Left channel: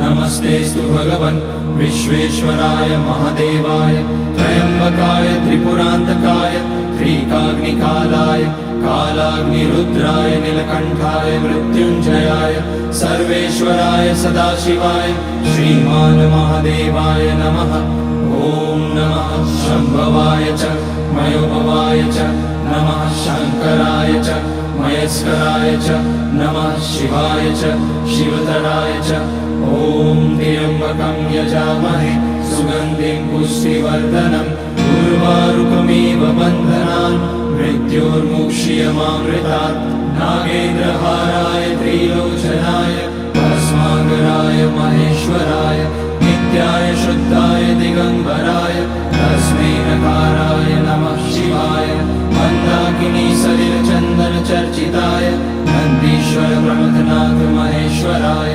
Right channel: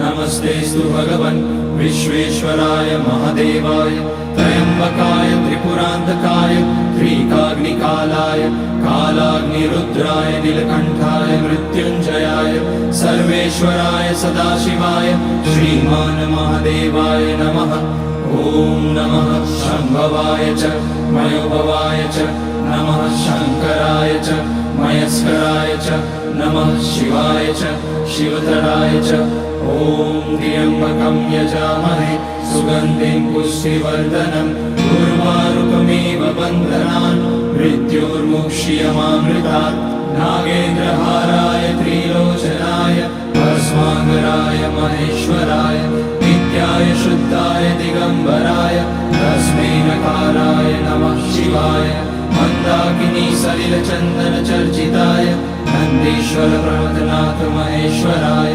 नमस्तेस्तु भगवन् विश्वेश्वराय महादेवाय त्र्यम्बकाय त्रिपुरान्तकाय त्रिकाग्निकालाय कालाग्निरुद्राय नीलकण्ठाय मृत्युञ्जयाय सर्वेश्वराय सदाशिवाय श्रीमान् महादेवाय नमः। ॐ नमः शम्भवाय च मयोभवाय च नमः शङ्कराय च मयस्कराय च नमः शिवाय च शिवतराय च। ॐ त्र्यम्बकं यजामहे सुगन्धिं पुष्टिवर्धनम् उर्वारुकमिव बन्धनान् मृत्योर्मुक्ष्यमामृतात्। नागेन्द्रहाराय त्रिलोचनाय भस्माकराय महेश्वराय नित्याय शुद्धाय दिगम्बराय तस्मै नकाराय नमः शिवाय। मन्दाकिनी सलिलचन्दन चर्चिताय नन्दीश्वर प्रमथनाथ महेश्वराय